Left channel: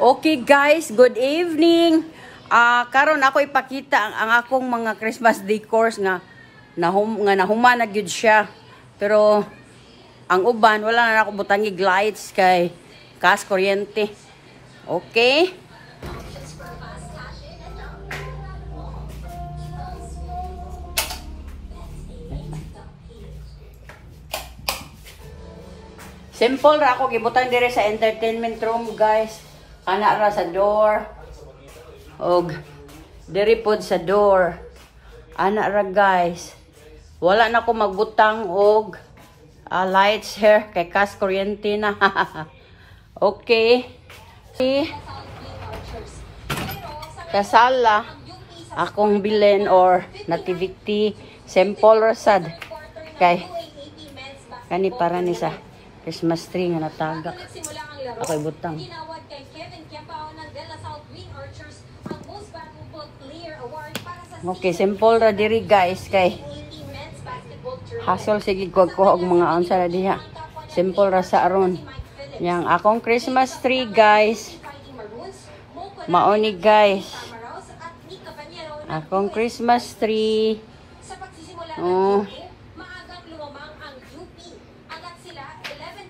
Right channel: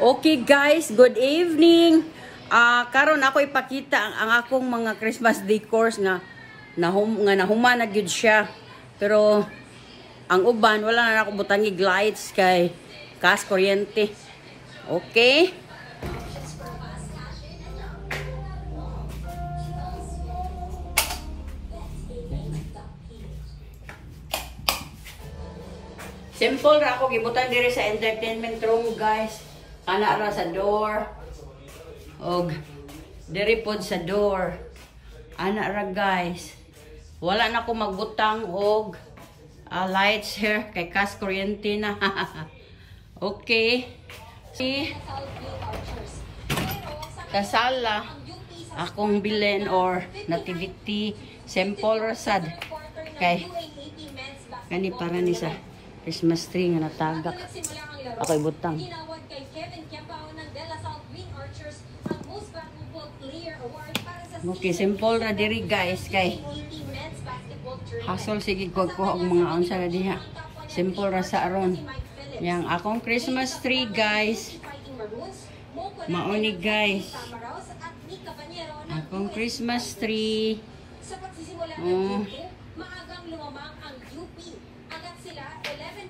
Okay guys, good evening. Karon ako ipakita ang akong mga Christmas decors nga nahuman na gyud siya. Pero ang uban wala na ako butangig lights kay kas kuryente. Okay? Simple ra ako gibutan dire sa entertainment room, guys. Ana ra sa door. Og dire pod sa door. Ana ra, guys. Wala na ko magbutang og lights here kay kas kuryente na. Okay. See? Kasala akong bilin or nativity simple ra sad kay kani para ni sa Christmas tree nga natagak. Ako ibutang. Okay, simple ra diri guys kay hasol sige ko og mga unsa ra diha. Simple ra sa aron. Yang akong Christmas tree guys. Maoni guys. Akong Christmas tree.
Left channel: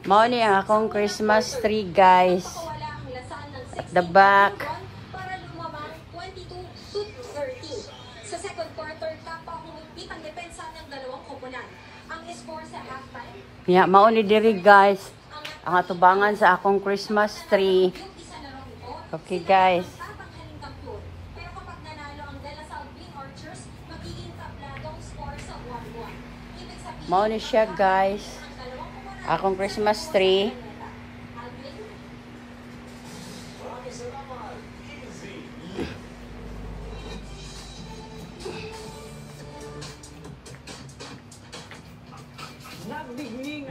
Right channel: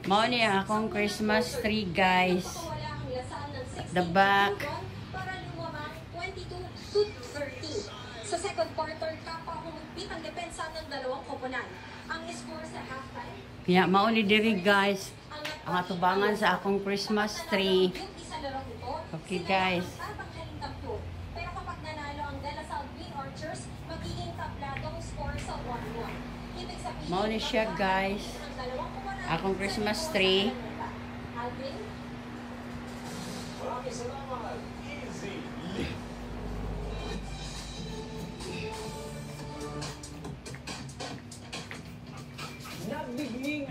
Mao ni ang akong Christmas tree guys. At the back. Sa second quarter tapa humigpit ang depensa ng dalawang koponan. Ang score sa halftime. Yeah, mao ni diri guys. Ang atubangan sa akong Christmas tree. Okay guys. Pero kapag nanalo ang De La Salle Green Archers, magiging tabladong score sa 1-1. Mao ni siya guys. Akong Christmas tree.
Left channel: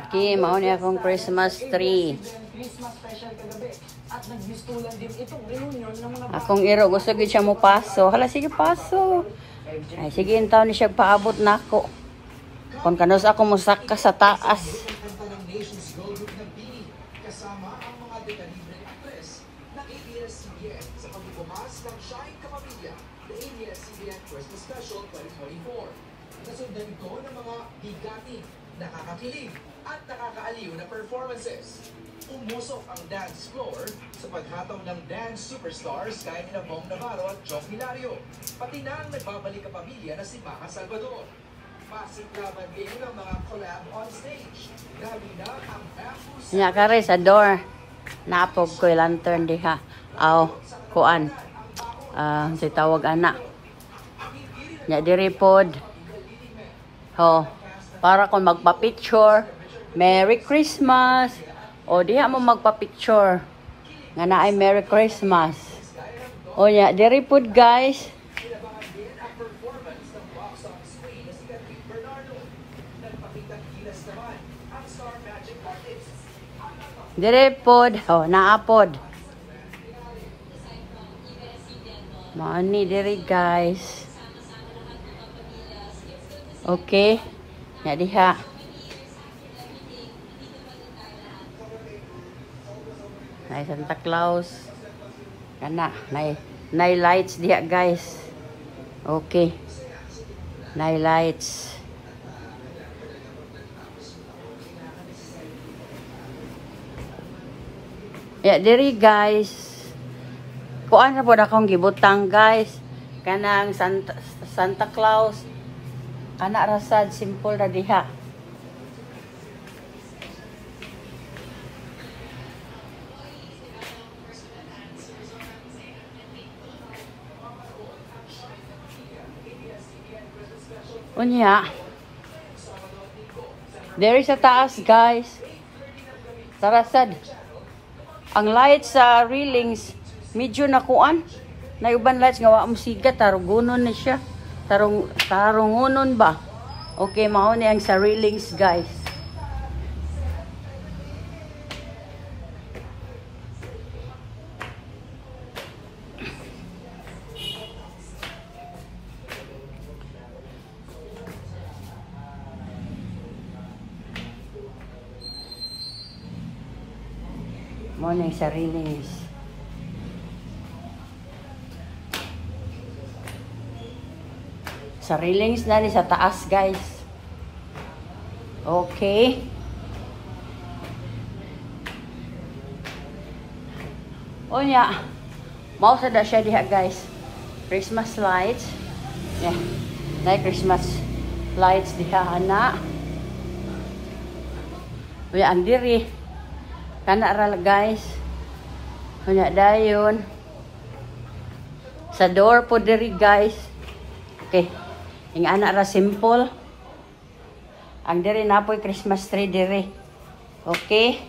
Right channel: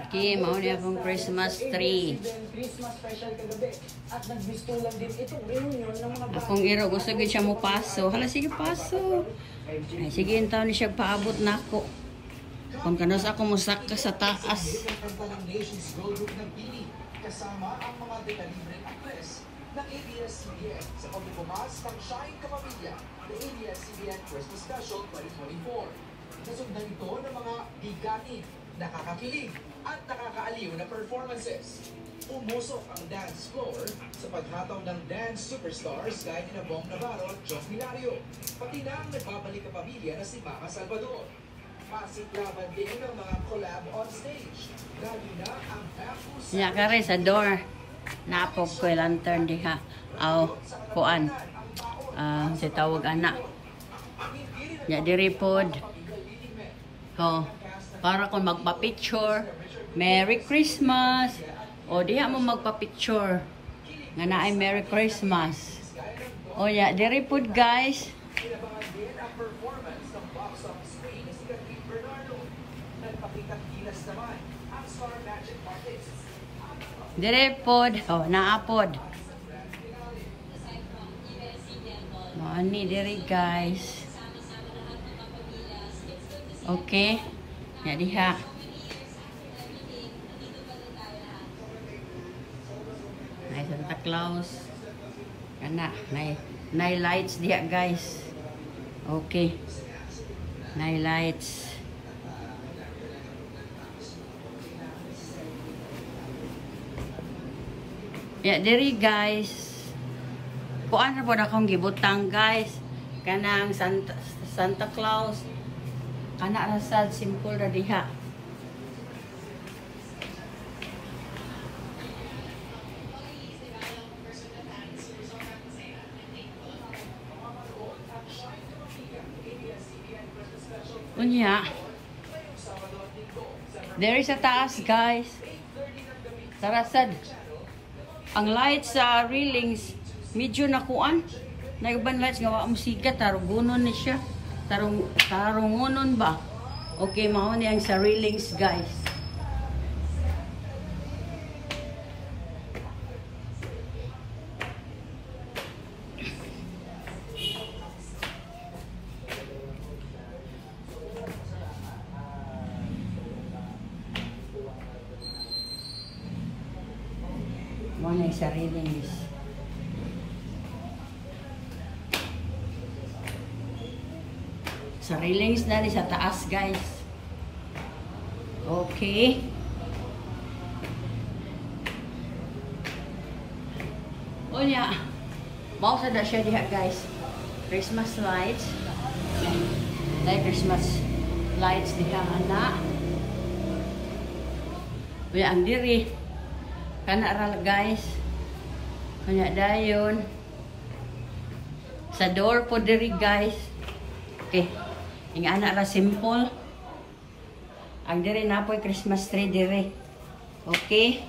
Okay, mao ni akong Christmas tree. Akong iro gusto gid siya mo paso. Hala sige paso. Ay sige intaw ni siya paabot nako. Kung kanos ako musaka sa taas. Kasama ang mga dekalibreng actress ng ABS-CBN sa pagbubumas ng Shine Kapamilya, the ABS-CBN Christmas Special 2024. Nasundan ito ng mga bigatin, nakakakilig at nakakaaliw na performances. Umusok ang dance floor sa paghataw ng dance superstars gaya na Bong Navarro at Joff Hilario, pati na ang nagbabalik kapamilya na si Maca Salvador. Pasiklaban din ng mga collab on stage. Lalo na ang bamboo... Nya kare sa door. Napog ko lantern diha. Aw, kuan. Si tawag anak. Nya diri pod. Ho, para kon magpa-picture. Merry Christmas. O diha mo magpa-picture. Nga naay Merry Christmas. O nya diri pod guys. Dire pod, oh naapod. Maani dire guys. Okay. Ya diha. Nay Santa Claus. Kana, nay lights diha guys. Okay. Nay lights. Ya diri guys. Kuan ra pod akong gibutang guys. Kanang Santa Claus. Kana ra sad simple ra diha. Unya. There is a taas guys. Sarasad. Ang lights sa railings medyo nakuan. Na uban lights nga wa mo sigat tarugunon na siya. Tarungunon ba? Okay, mao ni ang sa railings guys. Mo ni sa railings. Sa railings na ni sa taas, guys. Okay. O niya. Mausa na siya diha, guys. Christmas lights. Na Christmas lights diha ana. Unya ang diri. Kana ra guys. Unya dayon. Sa door po diri, guys. Okay. Ing ana ra simple. Ang diri napoy Christmas tree diri. Okay.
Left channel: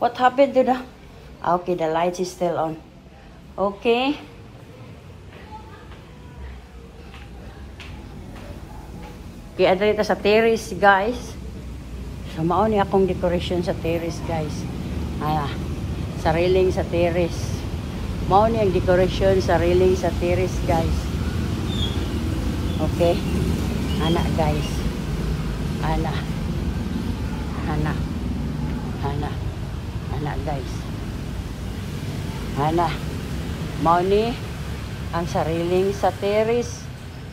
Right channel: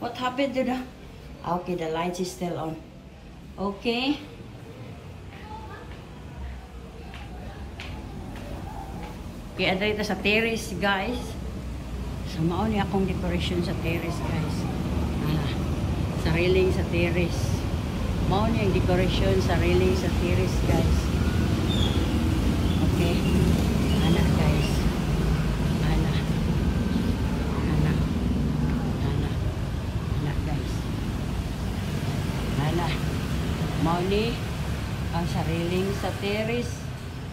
What happened to the... Okay, the lights is still on. Okay. Okay, adre ito sa terrace, guys. So, mao ni akong decoration sa terrace, guys. Sa railing sa terrace. Mao ni ang decoration sa railing sa terrace, guys. Okay. Ana, guys. Ana, guys. Ana. Mao ni ang sariling sa terrace.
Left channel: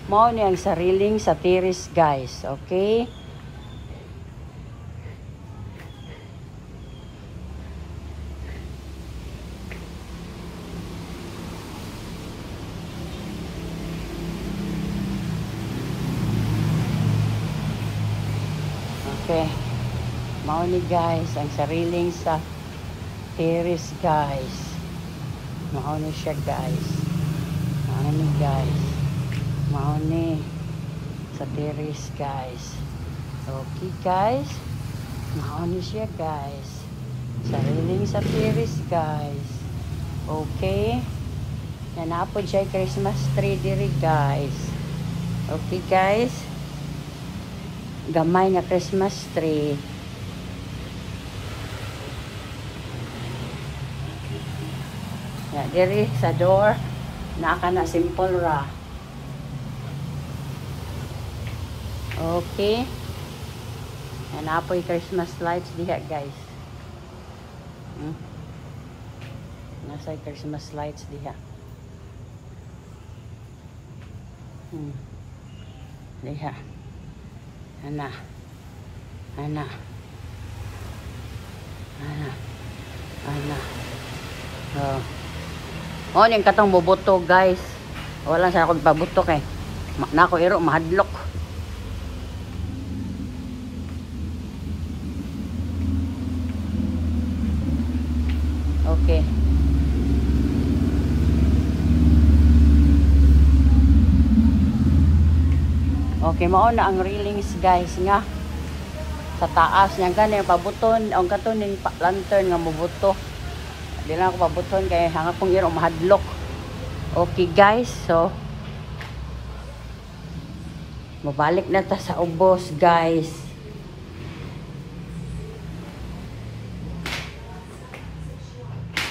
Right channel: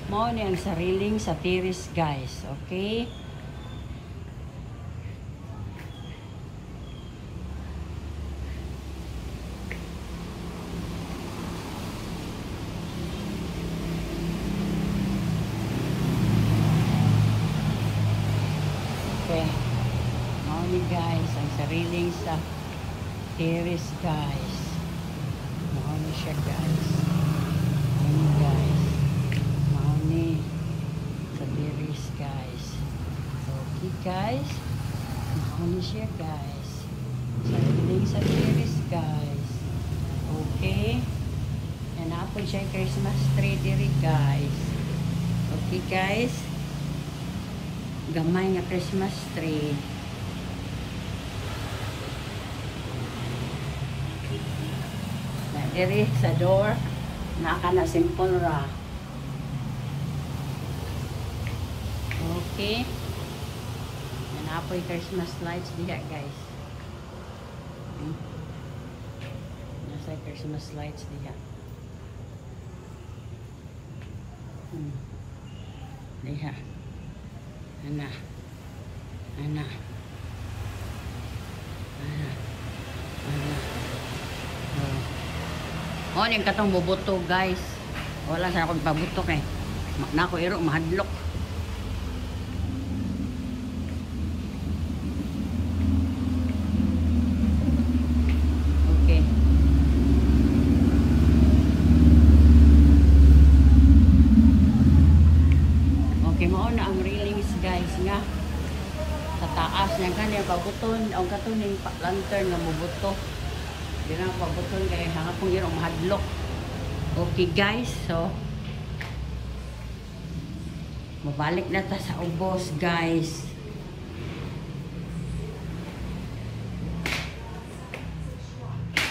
Mao ni ang sariling sa terrace, guys. Okay? Okay. Mao ni, guys, ang sariling sa terrace, guys. Mao ni siya, guys. Mao ni, guys. Mao ni sa terrace, guys. Okay, guys. Mao ni siya, guys. Sariling sa terrace, guys. Okay. Yan po siya Christmas tree diri, guys. Okay, guys. Gamay nga Christmas tree. Na diri sa door naka na simple ra. Okay. Yan po yung Christmas lights diha, guys. Nasa Christmas lights diha. Diha. Ana. Oh, yung katong bubuto, guys. Wala sa akong pabuto kay nako iro mahadlok. Okay. Okay, mao na ang railings, guys, nga sa taas niya gani pabuton ang katon ning lantern nga mubuto. Di na ako pabuton kay hanga kong iro mahadlok. Okay, guys, so mabalik na ta sa ubos, guys.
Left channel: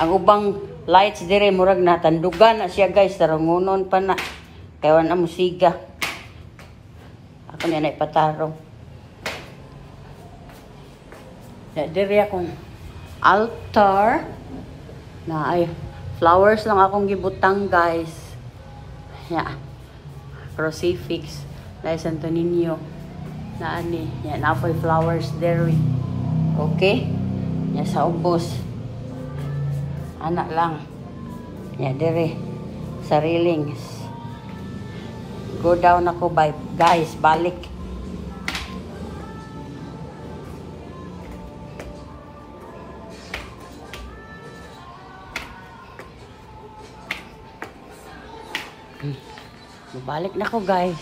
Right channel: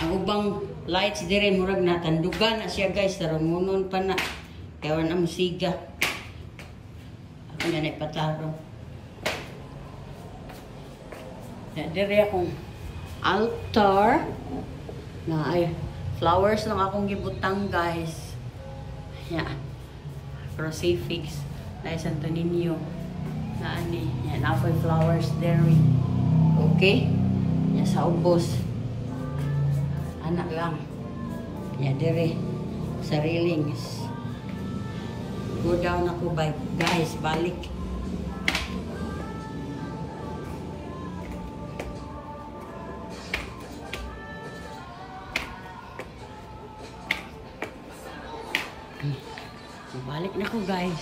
Ang ubang lights dire murag natandugan na siya, guys, tarangunon pa na kay wala na musiga. Ako na ipatarong. Dire akong altar na ay flowers lang akong gibutang, guys. Yeah. Crucifix na Santo Niño na ani. Yan na po flowers there. Okay? Yan sa ubos. Anak lang. Yan dire sa railings. Go down ako, guys, balik. Balik na ko, guys.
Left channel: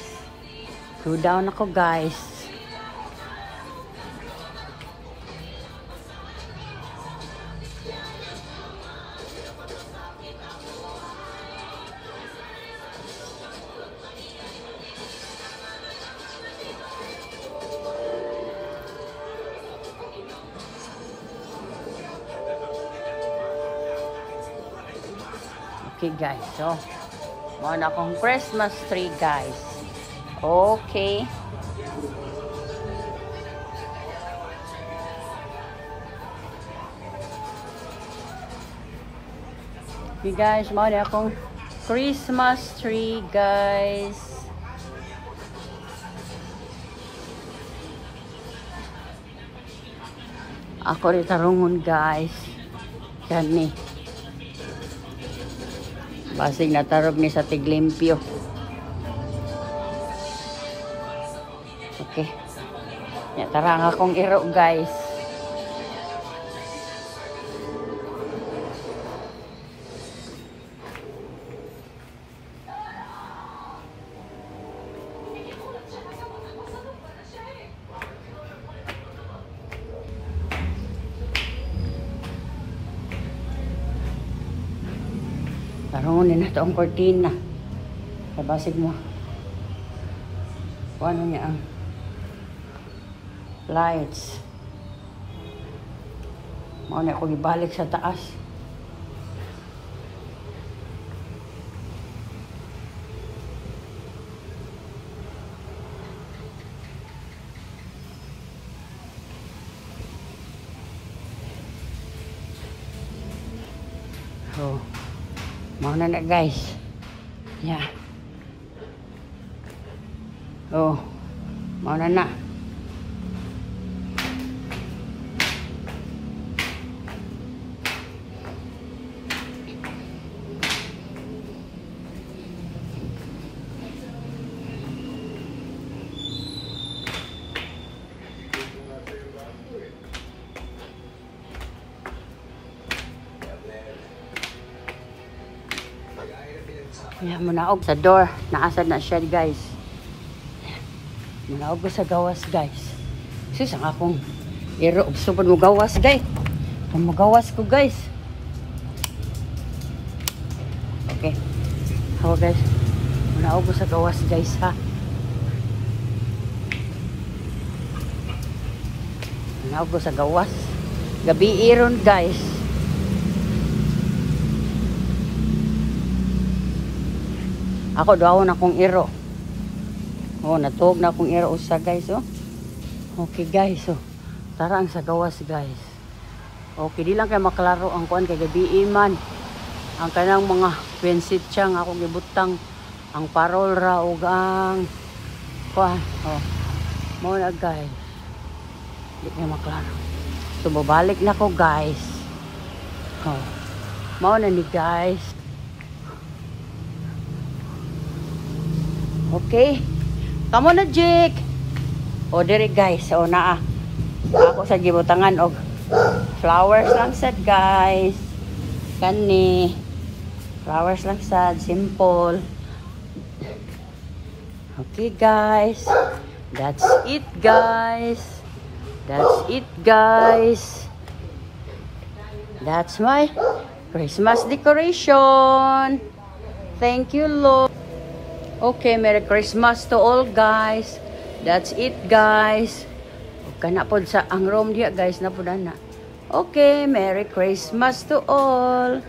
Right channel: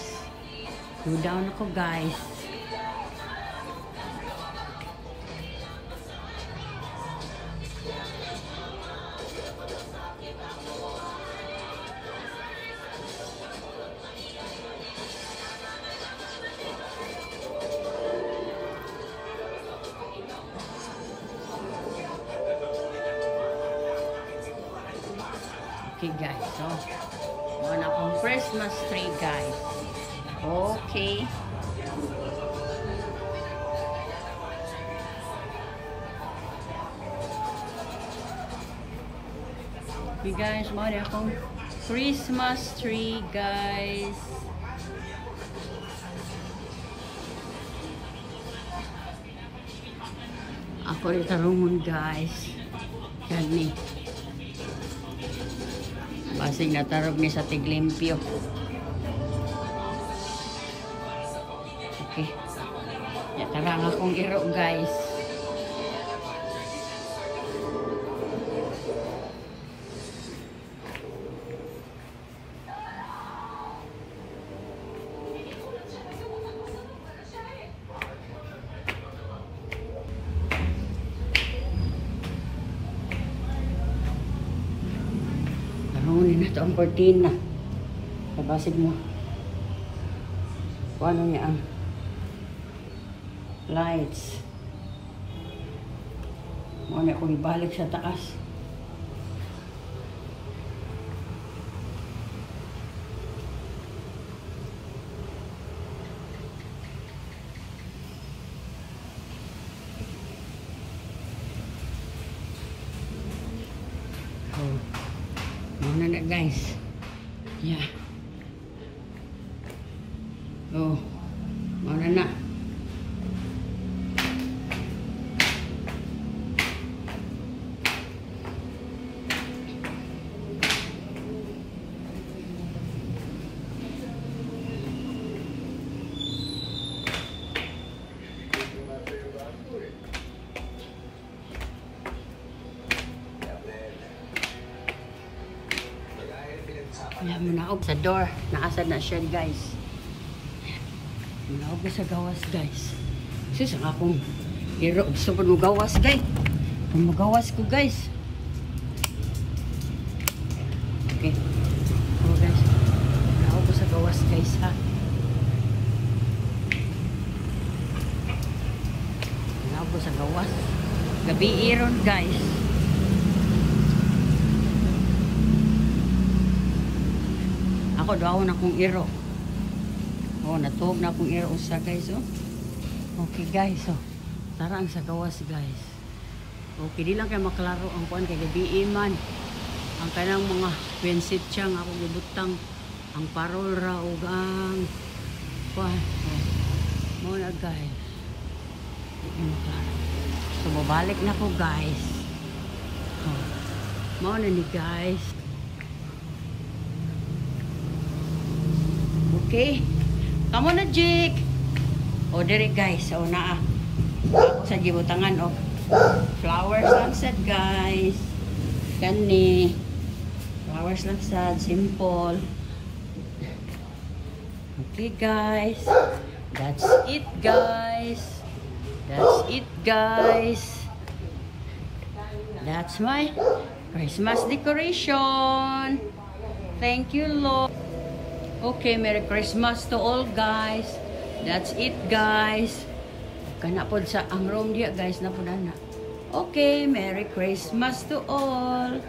Go down ako, guys. Okay, guys. So, muna akong Christmas tree, guys. Okay. Okay, guys. Muna akong Christmas tree, guys. Ako rin tarungon, guys. Yan ni. Basig na tarog ni sa tiglimpyo. Okay. Ya, tarang akong iro, guys. Tarungon na ito ang cortina. Kabasig mo. Kung ano niya ang lights. Mauna akong ibalik sa taas. Oh. Mauna na, guys. Yeah. Oh. Mauna na. Kaya munaog sa door. Naasad na siya, guys. Munaog ko sa gawas, guys. Sis, ang akong iro. Gusto pa mo gawas, guys. Kung magawas ko, guys. Okay. Oh, guys. Munaog ko sa gawas, guys, ha. Munaog ko sa gawas. Gabi iron, guys. Ako daw na akong iro. Oh, natuog na akong iro usa, guys, oh. Okay, guys, oh. Tara ang sa gawas, guys. Okay, di lang kay maklaro ang kuan kay gabiin man. Ang kanang mga pensit siyang ako gibutang ang parol ra ug ang kuan. Oh. Mo na, guys. Di na maklaro. So babalik na ko, guys. Oh. Mao na ni, guys. Okay. Come on na, Jake. O, diri, guys. O, naa. Ako sa gibutangan og flowers lang sad, guys. Kani. Flowers lang sad. Simple. Okay, guys. That's it, guys. That's it, guys. That's my Christmas decoration. Thank you, Lord. Okay, Merry Christmas to all, guys. That's it, guys. Kana po sa ang room diya, guys, na po na. Okay, Merry Christmas to all.